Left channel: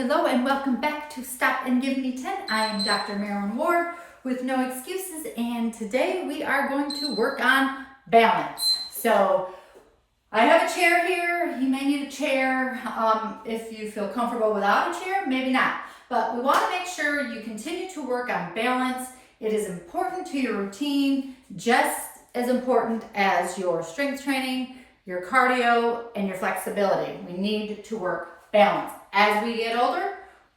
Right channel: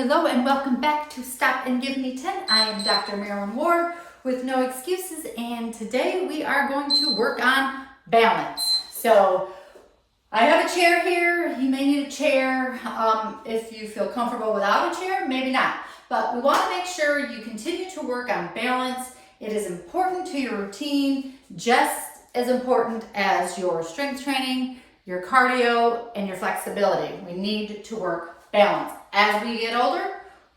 Hello and welcome back to Stop and Give Me 10. I am Dr. Marilyn Ward with No Excuses, and today we are going to work on balance. So I have a chair here. You may need a chair. If you feel comfortable without a chair, maybe not. But we want to make sure you continue to work on balance. It is important to your routine, just as important as your strength training, your cardio, and your flexibility. We need to work balance. As we get older,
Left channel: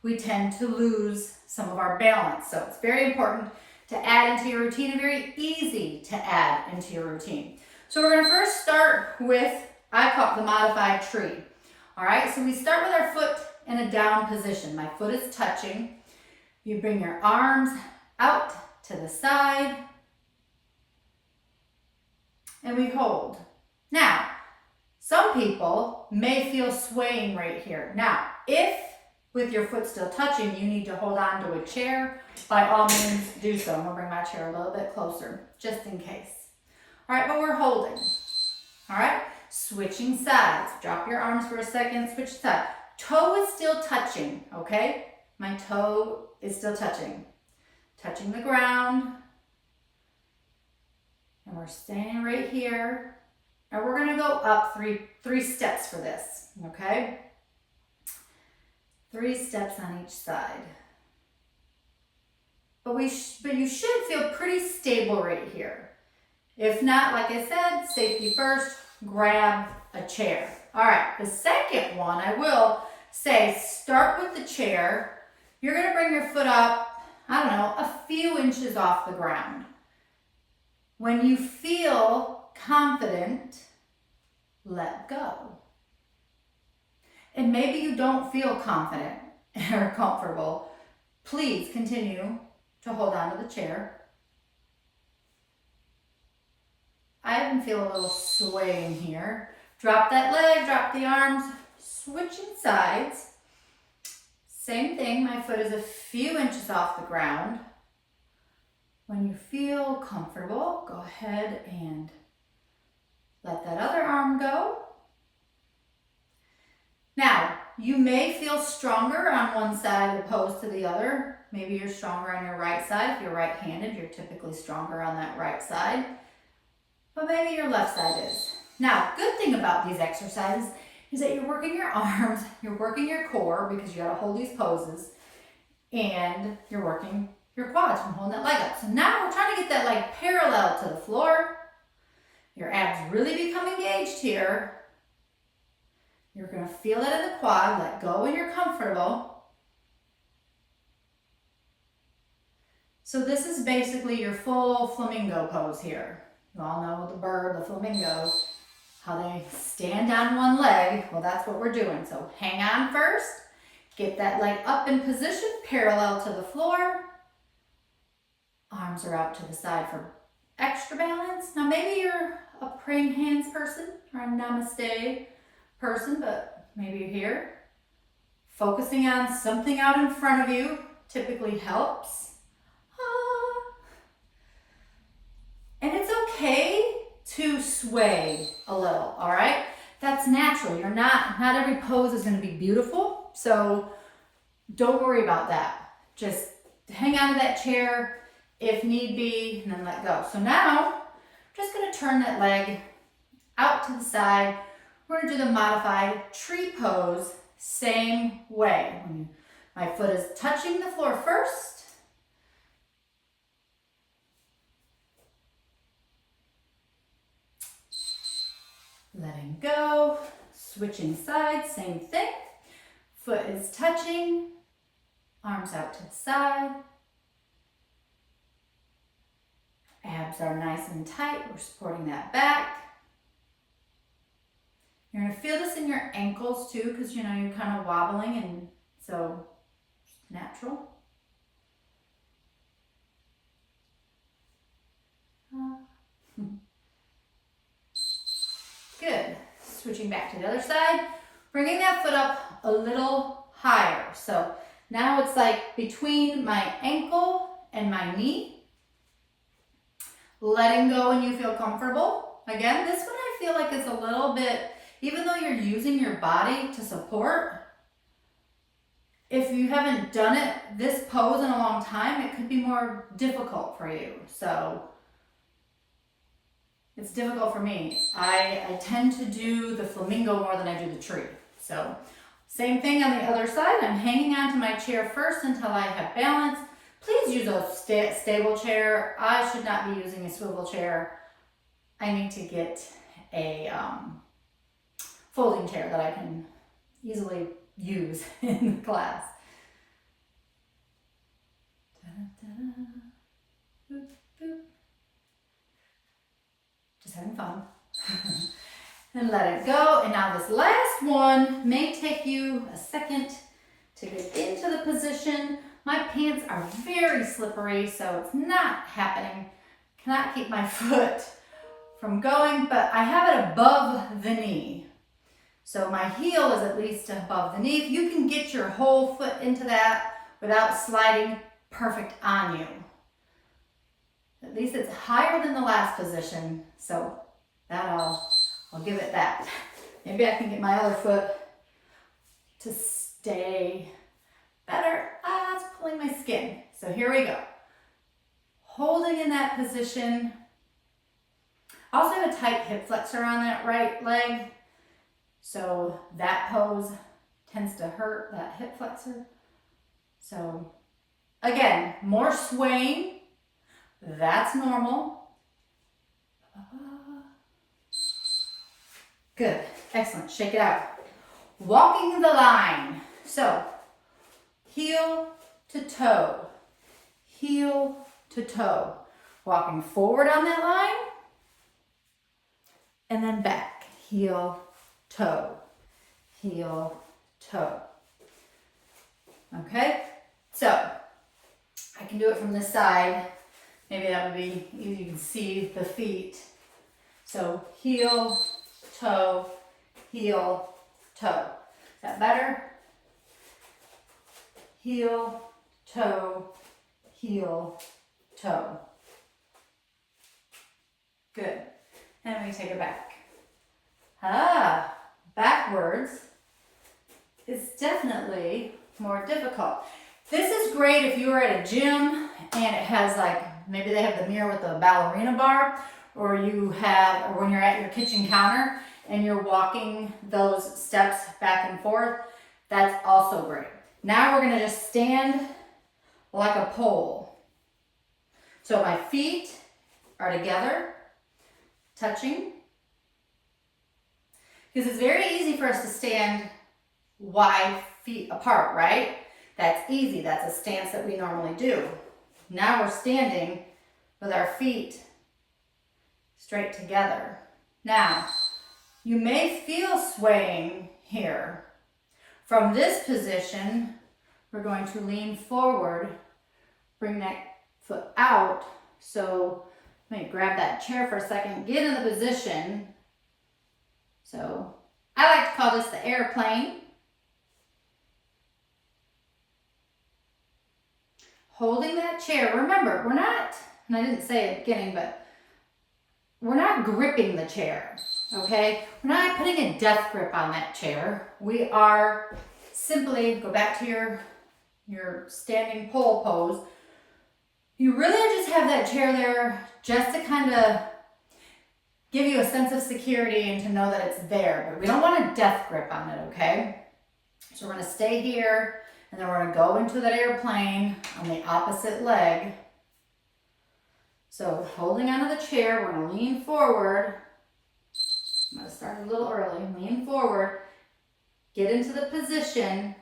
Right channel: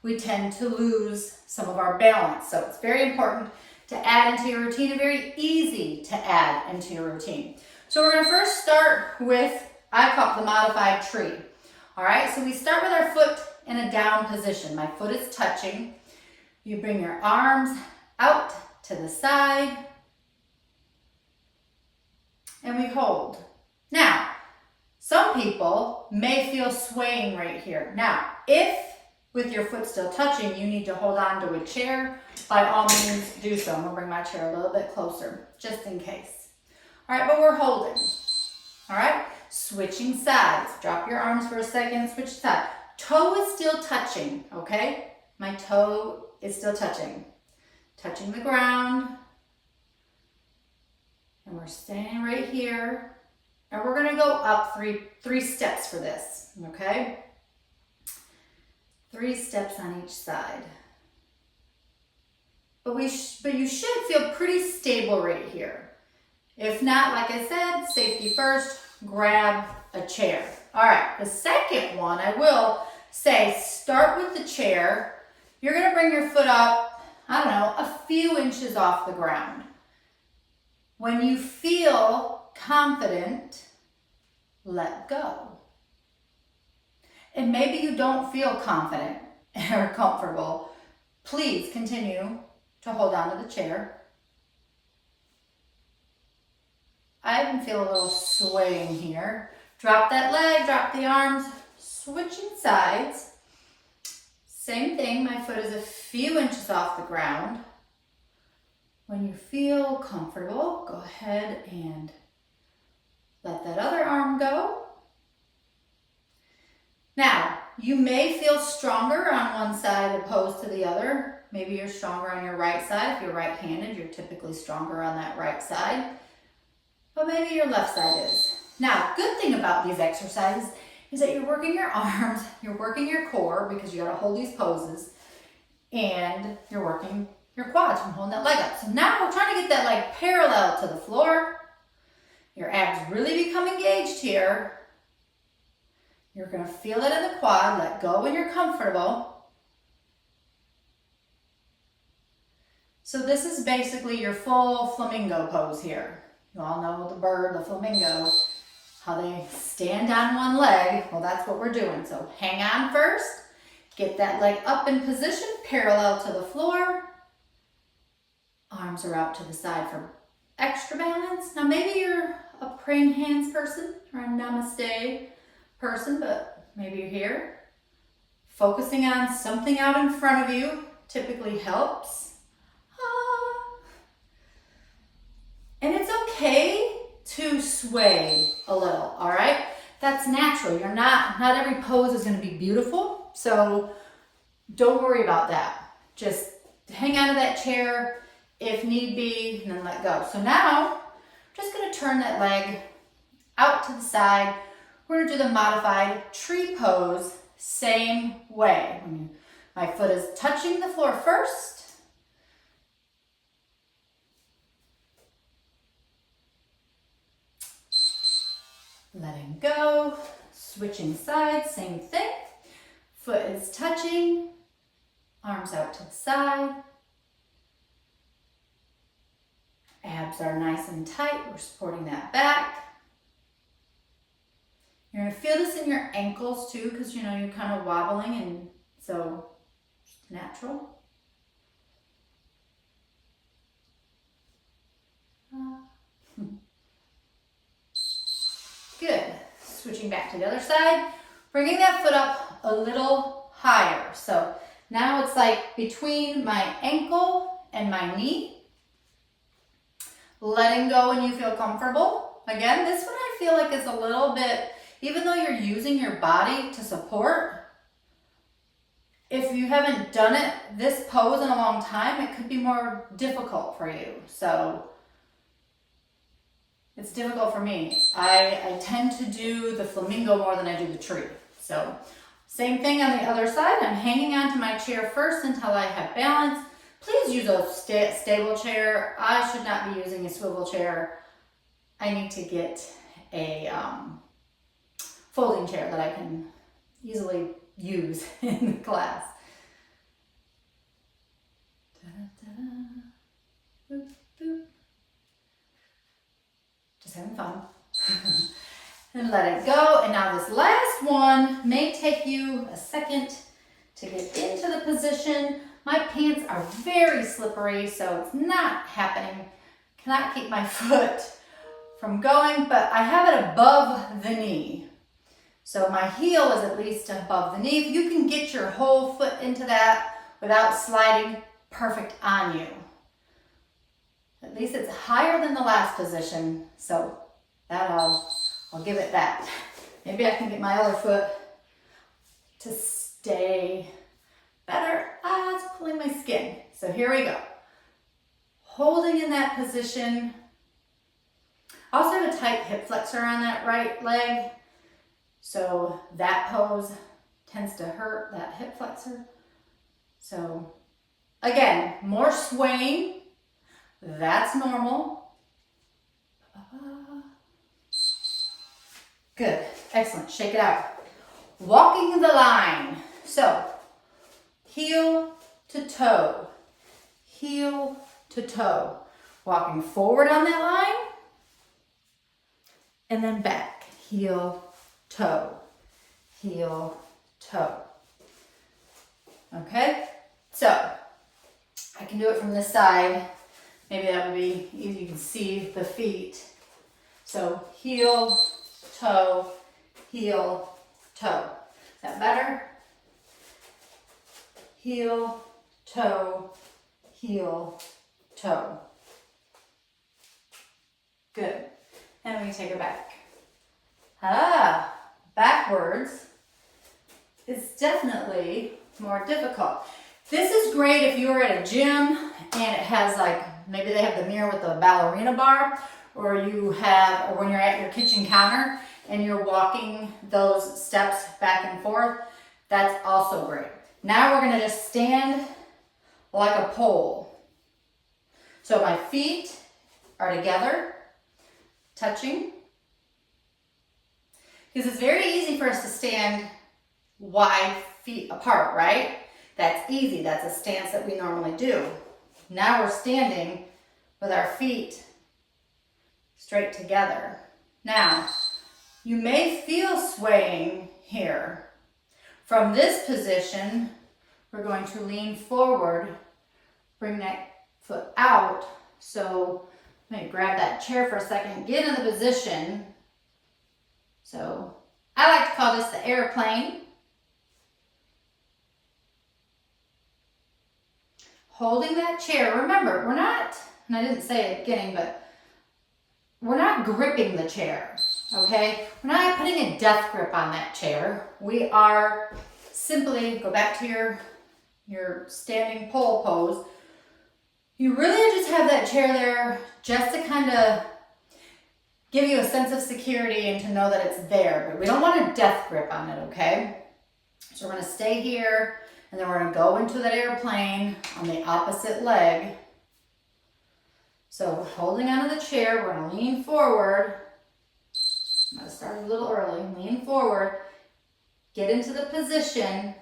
we tend to lose some of our balance. So it's very important to add into your routine and very easy to add into your routine. So we're gonna first start with, I call it the modified tree. All right, so we start with our foot in a down position. My foot is touching. You bring your arms out to the side and we hold. Now, some people may feel swaying right here. Now, if with your foot still touching, you need to hold on to a chair, by all means do so. I'm gonna bring my chair a little bit closer, just in case. All right, but we're holding. All right, switching sides. Drop your arms for a second, switch side. Toe is still touching, okay? My toe is still touching the ground. And we're standing right here. And we're gonna go up three steps for this, okay? 3 steps on each side. But you should feel pretty stable right here. If not, like I said, safety first, grab a chair. All right, the second one, I will say, start with the chair. You're gonna bring your foot up, I don't know, a few inches off the ground. When you feel confident, let go. And maybe you don't feel confident or comfortable. Please continue to hold on to the chair. I even feel a little swaying here. Drop that leg, drop the arms, switching sides. Same thing, my foot is a few inches off the ground. When you feel comfortable, go ahead and let that other arm go. Now, you may feel stronger on one side opposed to the other. Maybe you're stronger on your right side. If you're right-handed, you're typically stronger on that right side. But maybe your left side is. Now, good thing about these exercises is that you're working your arms, you're working your core because you gotta hold these poses, and you're working your quads from holding that leg up. So now we're trying to get that leg parallel to the floor. Your abs really become engaged here. You're gonna feel it in the quad, let go when you're comfortable. So this is basically your full flamingo pose here. You all know the bird, the flamingo, how they stand on one leg. Well, that's what we're doing. So hang on first, get that leg up in position, parallel to the floor. Arms are out to the side for extra balance. Now maybe you're a praying hands person or a namaste person, but maybe you're here. Focusing on something out in front of you typically helps. And it's okay to sway a little, all right? That's natural. Not every pose is gonna be beautiful, so don't worry about that. Just hang on to that chair if need be, and then let go. So now, I'm just gonna turn that leg out to the side. We're gonna do the modified tree pose, same way. My foot is touching the floor first. Letting go, switching sides, same thing. Foot is touching, arms out to the side. Abs are nice and tight, we're supporting that back. You're gonna feel this in your ankles too, because you're kind of wobbling, and so it's natural. Good. Switching back to the other side, bringing that foot up a little higher. So now it's like between my ankle and my knee. Letting go when you feel comfortable. Again, this one I feel like is a little bit, even though you're using your body to support, if you haven't done it, this pose in a long time, it could be more difficult for you. So it's difficult for me. I tend to do the flamingo more than I do the tree. So same thing on the other side. I'm hanging onto my chair first until I have balance. Please use a stable chair. I should not be using a swivel chair. I need to get a folding chair that I can easily use in class. Boop, boop. Just having fun. And let it go. And now this last one may take you a second to get into the position. My pants are very slippery, so it's not happening. Cannot keep my foot from going, but I have it above the knee. So my heel is at least above the knee. If you can get your whole foot into that without sliding, perfect on you. At least it's higher than the last position, so that I'll give it that. Maybe I can get my other foot to stay better. It's pulling my skin. So here we go. Holding in that position. I also have a tight hip flexor on that right leg. So that pose tends to hurt that hip flexor. So again, more swaying. That's normal. Good, excellent, shake it out. Walking the line. So heel to toe, heel to toe. Walking forward on that line and then back, heel, toe, heel, toe. Okay, so I can do it from this side. Maybe that would be easy, you can see the feet. So heel, toe, heel, toe. Is that better? Heel, toe, heel, toe. Good. And we take it back. Backwards is definitely more difficult. This is great if you're at a gym and it has maybe they have the mirror with the ballerina bar, or when you're at your kitchen counter and you're walking those steps back and forth. That's also great. Now we're gonna just stand like a pole. So my feet are together, touching. Because it's very easy for us to stand wide feet apart, right? That's easy, that's a stance that we normally do. Now we're standing with our feet straight together. Now, you may feel swaying here. From this position, we're going to lean forward, bring that foot out. So let me grab that chair for a second, get in the position. So I like to call this the airplane. Holding that chair. Remember, we're not, and I didn't say it at the beginning, but we're not gripping the chair, okay? We're not putting a death grip on that chair. We are simply, go back to your standing pole pose. You really just have that chair there just to kind of give you a sense of security and to know that it's there, but we don't want a death grip on it, okay? So we're gonna stay here, and then we're gonna go into that airplane on the opposite leg. So holding onto the chair, we're gonna lean forward. I'm gonna start a little early, lean forward, get into the position,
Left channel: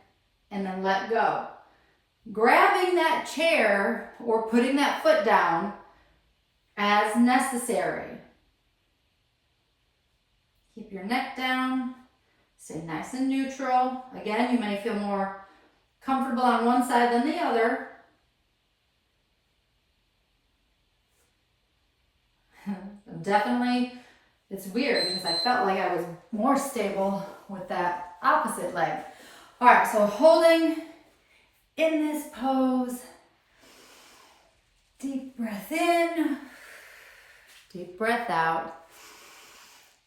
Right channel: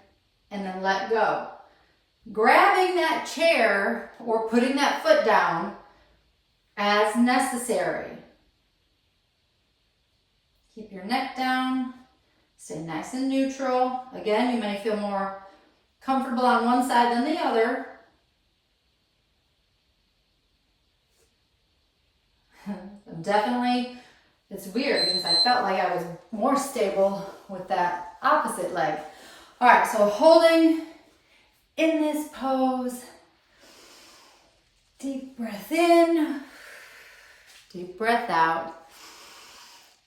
and then let go. Grabbing that chair or putting that foot down as necessary. Keep your neck down, stay nice and neutral. Again, you may feel more comfortable on one side than the other. Definitely, it's weird because I felt like I was more stable with that opposite leg. All right, so holding in this pose, deep breath in, deep breath out.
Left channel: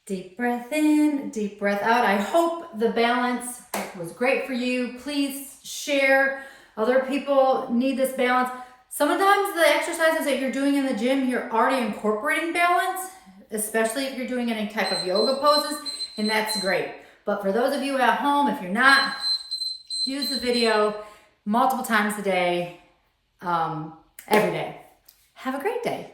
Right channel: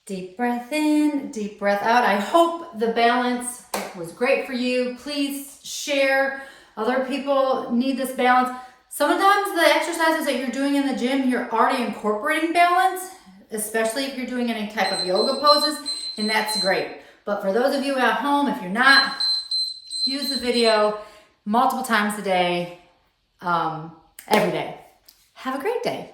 Deep breath in, deep breath out. I hope the balance it was great for you. Please share. Other people need this balance. Sometimes the exercises that you're doing in the gym, you're already incorporating balance, especially if you're doing any type of yoga poses, and that's great. But for those of you at home, if you're not, use the video multiple times a day, every day. Have a great day.